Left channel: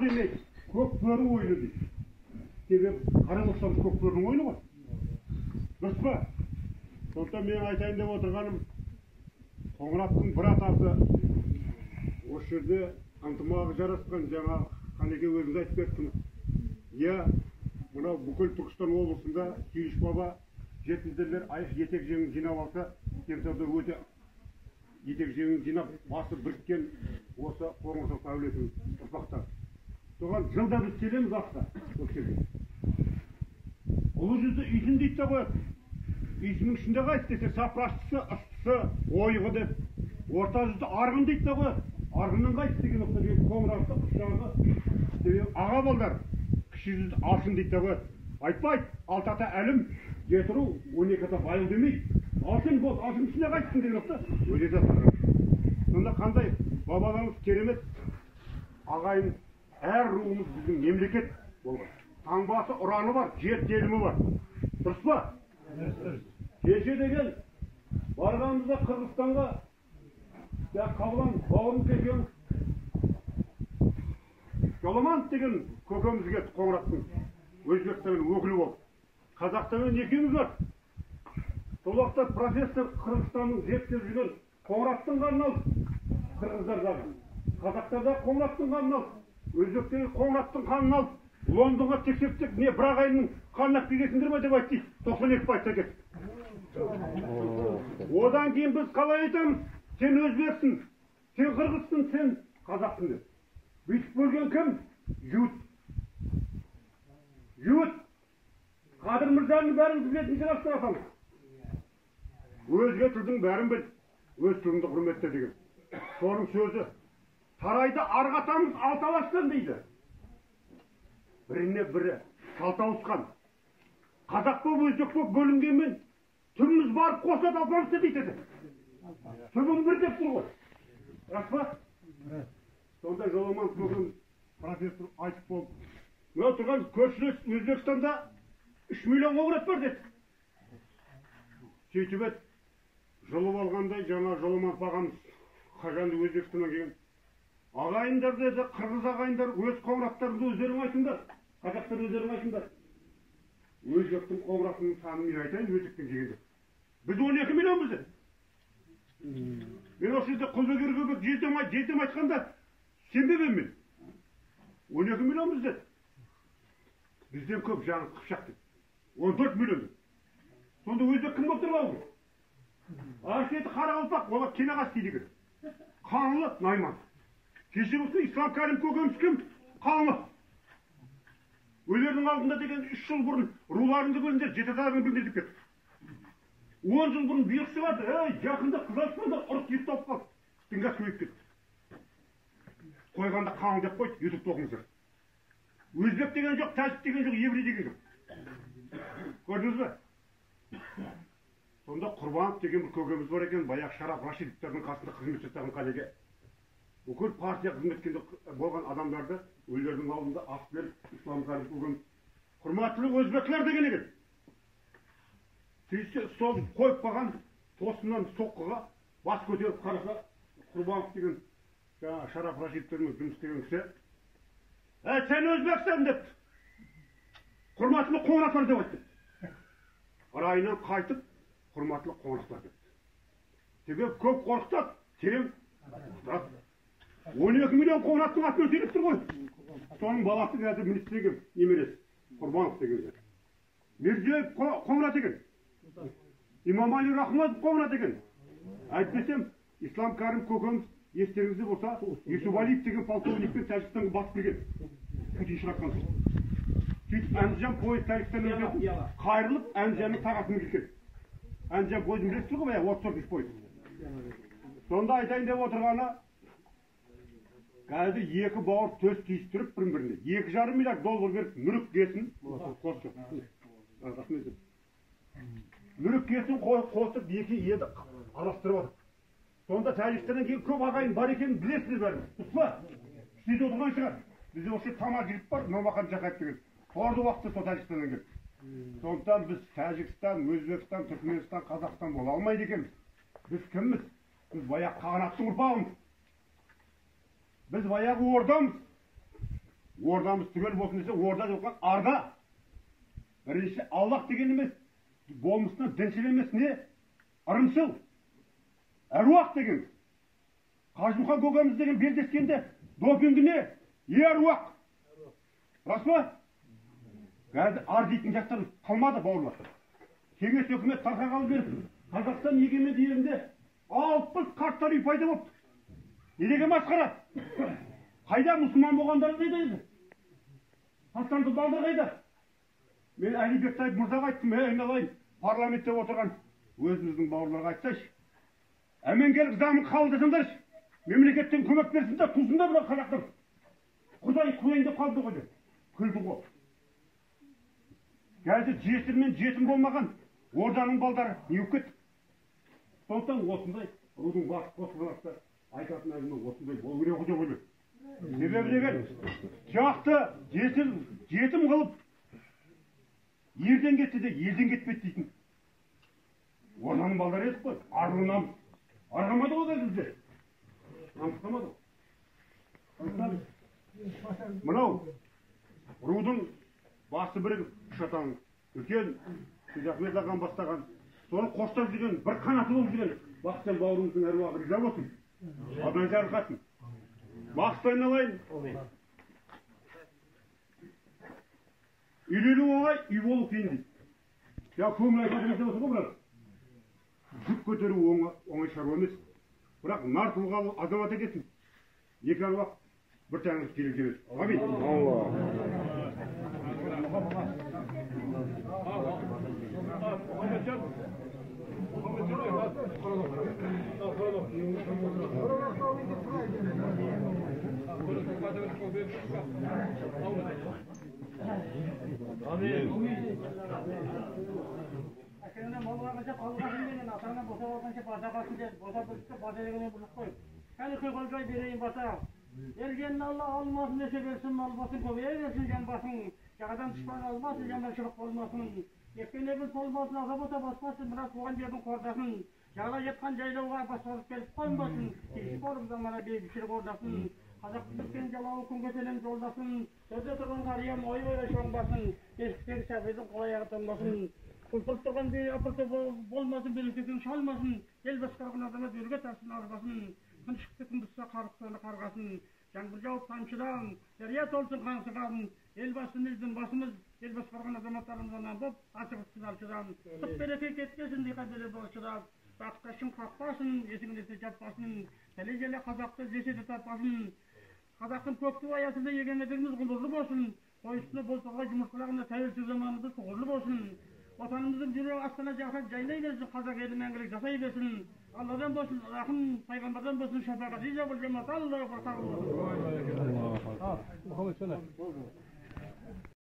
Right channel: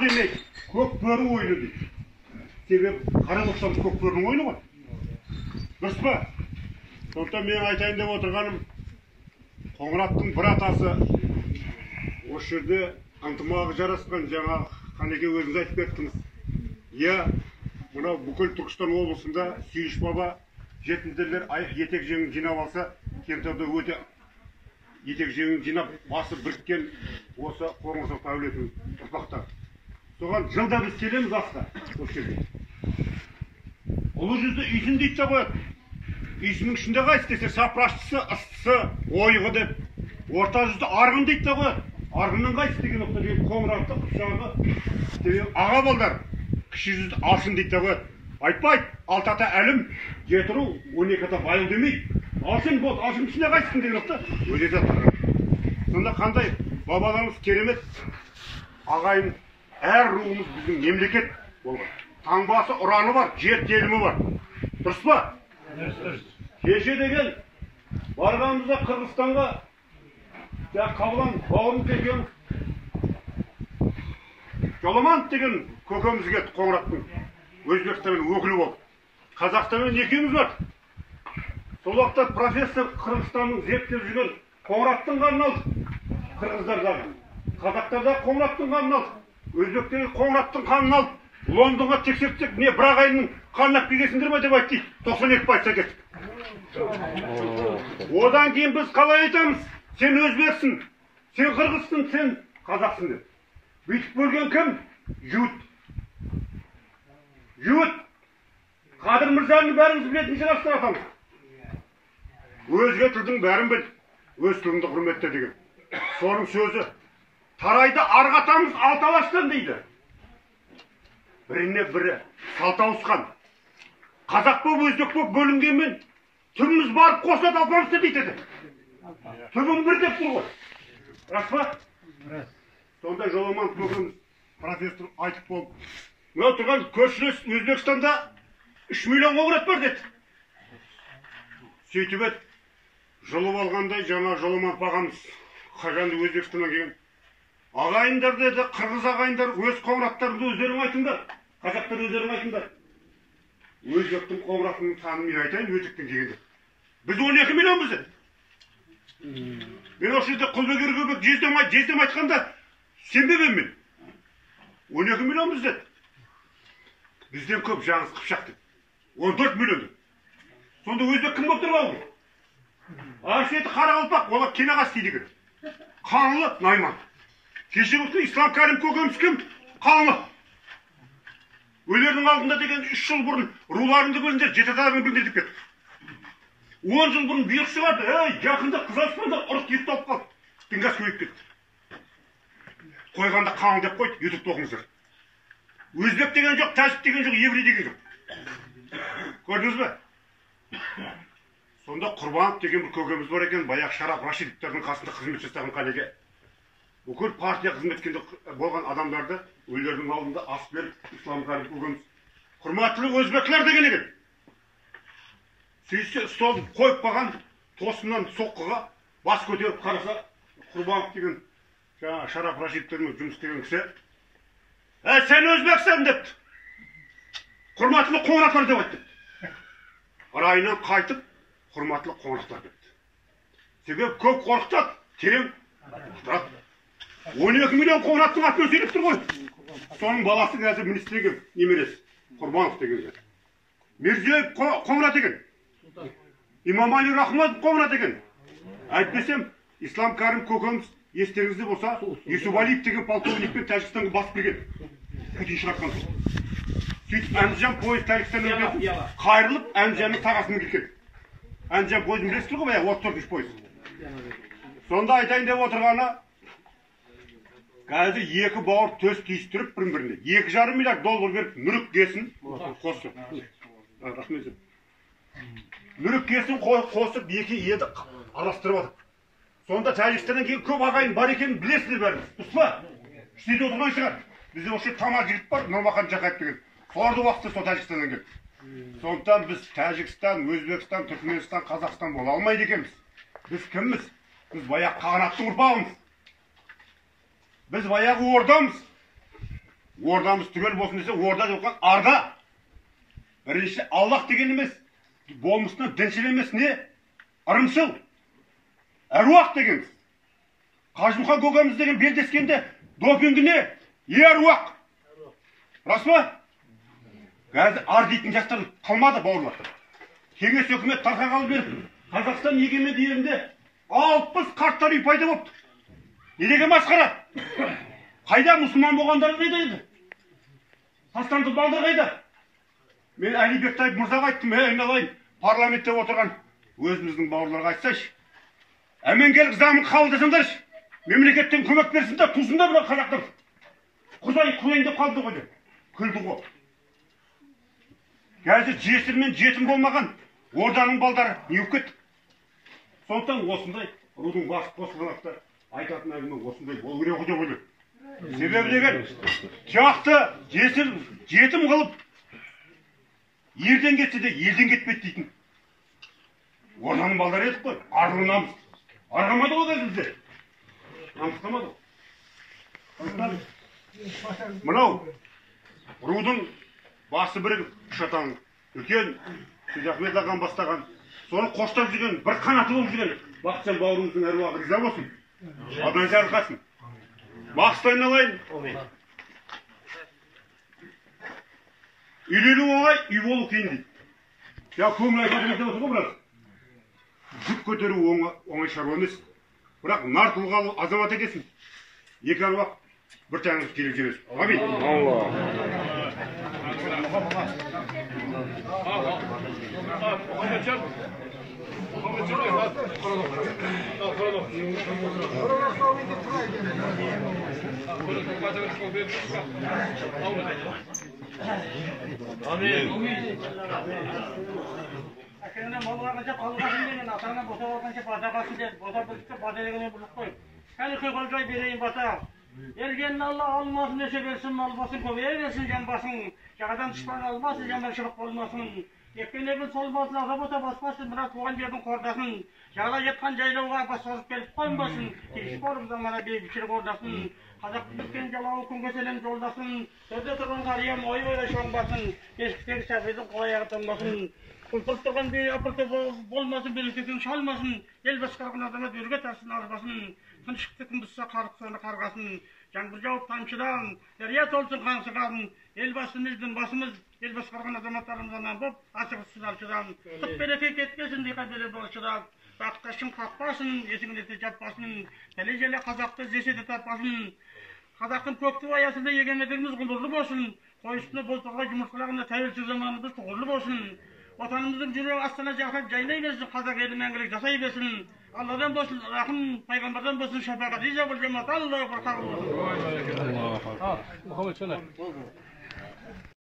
демек көк бөрі ойыны дейді. Себебі қара болсам көк бөрінің ойыны ғой. Дұрыс па? Сондықтан мен айтайын деп отырғаным, Қоңыраттың бір атасы осы жерде ынтымағы жарасқан, жаңа Қанеке өзіңіз айтып кеттіңіз. Иә, мынау бүкіл Түркістан облысында Сүйіш баба жетімдерлер етек жеңін жинап алса, Кентауда өте етек жеңін жинап басы біріккен осы Қоңырсоқ әулетінің ұрпақтары. Соған жылда біз келеміз асқа осы жерге. Ұлы жүзді үйсін дейді де қояды. Үйсінің ішінде қайсы десе, сапыраштысы, ыстысы, ойығы деп. Орта жүзді арғын дейді де қояды. Арғынның қайсы деген ұқты деген Қоңыратты құшағы аға балдар. Кіші жүзді алшын дейді де қояды. Айтпайды, алтата әлім, жетіру, 12-ата байыл демейді. Алшын болды, алшын ішінде қайсың деген ұқты өле жатыр. Сонда қандай бабаларымыз керемет ағайын, әр руымыз біздің мемлекет болған. Таңбасы, ұраны бар, жер телімі бар. Дұрыс па? Кеше деген барғанымызда Қырғызстанға Қабылан бауырымыз екен Жоламан деген көкеміз кетті Қоңыраттың Өзбекстанның өкілі болды. Қазақстанмен екеуміз бар. Сол уақытта профессор Қырғызстанның зерттеп жүрген Қоңыраттың қанын алды. Қырғыздардағы. Қазақтарда Қоңыраттың қанын алды. Өзбектегі Қоңыраттың қанын алды. Лондонға тексертсек, не бір ағайынның қанын келгесіңдер ме деп айтты. 92% кеттік. Одан кейін біз қалай айтамыз? Сен өзбексің, сен қырғызсың, сен қазақсың деп. Бүйтіп бөлген кім? Жуыт. Жуыт. Қадыр Мырзаның бәріміз білетін шығарсыздар атамыз. Өзге тілдің бәрін біл, өз тіліңді құрметте деген. Соның сөзі. Тарайды арғатамыз алталаштан дейді. Біріне бірі салт ауысқан. Қазақ боп, өзбек боп бөлінгенмен түбіміз барып қосылады алпамызды дейді. Түбім бір деп тұр ғой. Рас па? Сонда Жоламан көкеміз профессор айтып болып, мынау тұрған көршілес Өзбекстанда 3 миллион қоңырат бар деді. Сөйтіп еді, жұлып алғандай жаңа Жоламан ағамыз қажанды Өзбекстаннан келген. Ағайындар деді, қырғыз ағайындар өз қоңыраттарыңды өздерің айтыңдар. Қазақтар өздерің айтыңдар. Өзбектің қоңыратының санын мен айтайын, өтіктен келгенде. Біз 12 миллион бізде. Мен осы жерде Құлбегер көбек жездем айтқанда сенбебем мен. 12 миллион бізде. Бізден көп жаңыз қыпшақ деп. 14 миллион деп. Сонда өзбек кім болып тұрған ғой? Аршеті Қарақалпақ, олар Кенағас дейді екен. Қаңлы Найман. Кеше болсын Ислам Кәрім көкеміз кім? Қаңлы. Өлердің алдында деген 3 жыл бұрын руларыңды біліңдер, жеті-атаның біліңдер деп кетті. 10 жыл бұрын бұйрық шығарды, жақында қызаспандар ұрық кетті алып қалды. Дінғас көйіп кетті. Қойғанда қаңыл деп қойды, ютубта оқыңыздар. Өзбек деген жоқ, тәжік деген жоқ, еврей деген жоқ. Көрдіңіз бе? Сонда Құрбанов деген бір көкеміз бар екен, баяғы Шараф Рашидовтердің қасында қызмет жасаған Қанеке. Бүкіл партия қызметкенде болған адамдарды өлердің алдында ас беріп, Ислам Кәрім көкеміз құрматтылы өзбекler деген екен. Сөйтсе столды қойып қалған тосыннан соққыға бас көтеріп қараса, Құрбанов деген Шараф Рашидовтермен жұмыс істеген кісі, сен өзбексің депті. Құрматтылы қоңыраттар деп айтты. Райынан қайтып, құрматтылы қоңыраттар депті. Себебі көп қорқытады, терең қақтырады. 12 миллион қоңыраттың атын сөйлеп тұр ғой. Соның баласы қазір министрге немересі, Құрбанов деген. Мирзиев қоңырат екен. Имамали Рахматов қоңырат екен. Әйтпесем, Ислам Кәрім көкеміз естеріңізде болса, Юсупалиев деген полковникпен Тәжікстанға басып келген. Күтін шығартқан. Сөйтіп Әнжан пойыз Тәжікстаннан өтіп, қайырылып Әнжанның тағасымен келген. Әнжан пойызын білесіздер ғой, баяғы 34-ші пойыз. Сонда айтайын деп отырғаны, қазір екі бауыр төс түйістіріп бірін-біріне. $2,5 миллиард беріп, мүрік кесін қосып. Мүрік кесін қосып, екі еді арастырып атып. Сонда Тәжікстаннан кейін көп ағайын бар екенін білесіздер бәріміз. Дұрыс па? Істейді отырмай шығар. Бізде осы тамақ жігіт бар, Нұрмахан Жақаев деген. Соларды уақытта сол Тәжікстаннан келді. Сондықтан біз Тәжікстан, Өзбекстан, Түркменстан, Қазақстан бола алмайды екенбіз. Біз кімміз? Біз баяғы қағанаттың ұрпағымыз. Біз баяғы ордамыз. ордамыз түгел болсын десе, орда жоққа арда. Бірінші Аллах деген емес, болмысына діншіл емес не? Ырымшыл. Әруақ дегенбіз. Қажымұқан көкеміз деген белдескенде допингі не? Әруақ. Рас па? Қазір ар дейтін жастар қалмады, бауырлар. Кеңес өкімет тарқағалы беріп, Қазақстан егеменді елінде 60 қарттар үй пайда болыпты. Неге масқара? Қайда мұсылман болғандар қайда еді? Тастанды балдар қайда? Мен Әли Бектаев мырзаға айттым, айналайын, парламентте отырған өзіміздің бауырларға айтсайшы. Әменгелік заңын қабылдасаңдаршы. Мемлекеттен көмек берсіңдер, тусыңдар бір қазақтар. Құдайын деп қалды ғой деп. Күлді ғой. Қазір жесір мен жетім болмаған орданың балдары не болып кетті? Сондықтан осындай рудың басы қосылғанақта айтатын әңгіме осындай болу керек деп ойлаймын. Себебі деген жақты жесір жетім қылып ерден кетсе де елден кетпейді дейтін. Орданың балдары едік қой, арлы намыс. Арғамады ғой бізде. Намыстамады ғой. Мынау рудың басы бірігіп, шатаң, үлкен Ахмет ағам бастаған, соны қоштап жүрген, бір қанаты болып жүрген Бақытжан бауырымыздың әруағы риза болсын. Адан жарылқасын. Бақытты айналайын. Үйлену оңай, үй болу қиын дейді. Я көңіл айтатын деп отыр ғой біраз. Жүк көтеру оңай шаруа емес. Бірақ нар тұлғалы азамат екенсің. Екі әруақ бір тәңір келіп жүресің. Амин. Әкеңнен мал алғанша қалғасын деген, атаңнан бота алғанша бата қалсын деді. Бота білікті бата дегенен біліп қой. Кәні құйқылжай берейін бата. Елгенін Алла алмасын өсе берсін, мал басын көбейе берсін, жан басын. Жағадан дұшпан алмасын, жандар шыбық болмасын. Екпенегін солмасын, азап ота баспасын, бірақ туған жердің қордасын. Жағалай жетқан жайлауға бас созып келіп қоймасын. Тегіс болып замана бейбітшілік ордасын. Қазақтың біткен жалауы күнге селен жолдасын. Төрде тұрған қариям ой ойла шоңбасын. Кешіктегі сәбидің қол аяғы тоңбасын. Құлпырып тұрған бей апырты болмасын, белестен шалмасын. Ел басқарған азамат өрге тарсын арбасын. Тыншықты күн бұзса қарық соны қарғасын. Жаңбыр жауып тамшыдан, дәрия толсын қаңсыған. Ел басымыздың басымыз, ел басқарған азаматтарымыздан боп, асық сыналшыдан. Құт береке кеткесін дейқа бере болшыдан. Баққа шын қақпасын, есіңдете жаппасын. Тәле желе қазақты зеседі таппасын. Қазақтың көкті аясында егемендігіміз ғұмырлы болсын. Қой үстіне болтырға жұмыртқалағында тәуелсіз заманымыз тұғырлы болсын. Отанымыздың жүрегі астана жақып жайнай берсін, қазақ елі мәңгілік жасай берсін. Алладан болсын, рахым пайғамбардан болсын, шапағат риза бол жамаат, Аллаху акбар, қабыл болсын.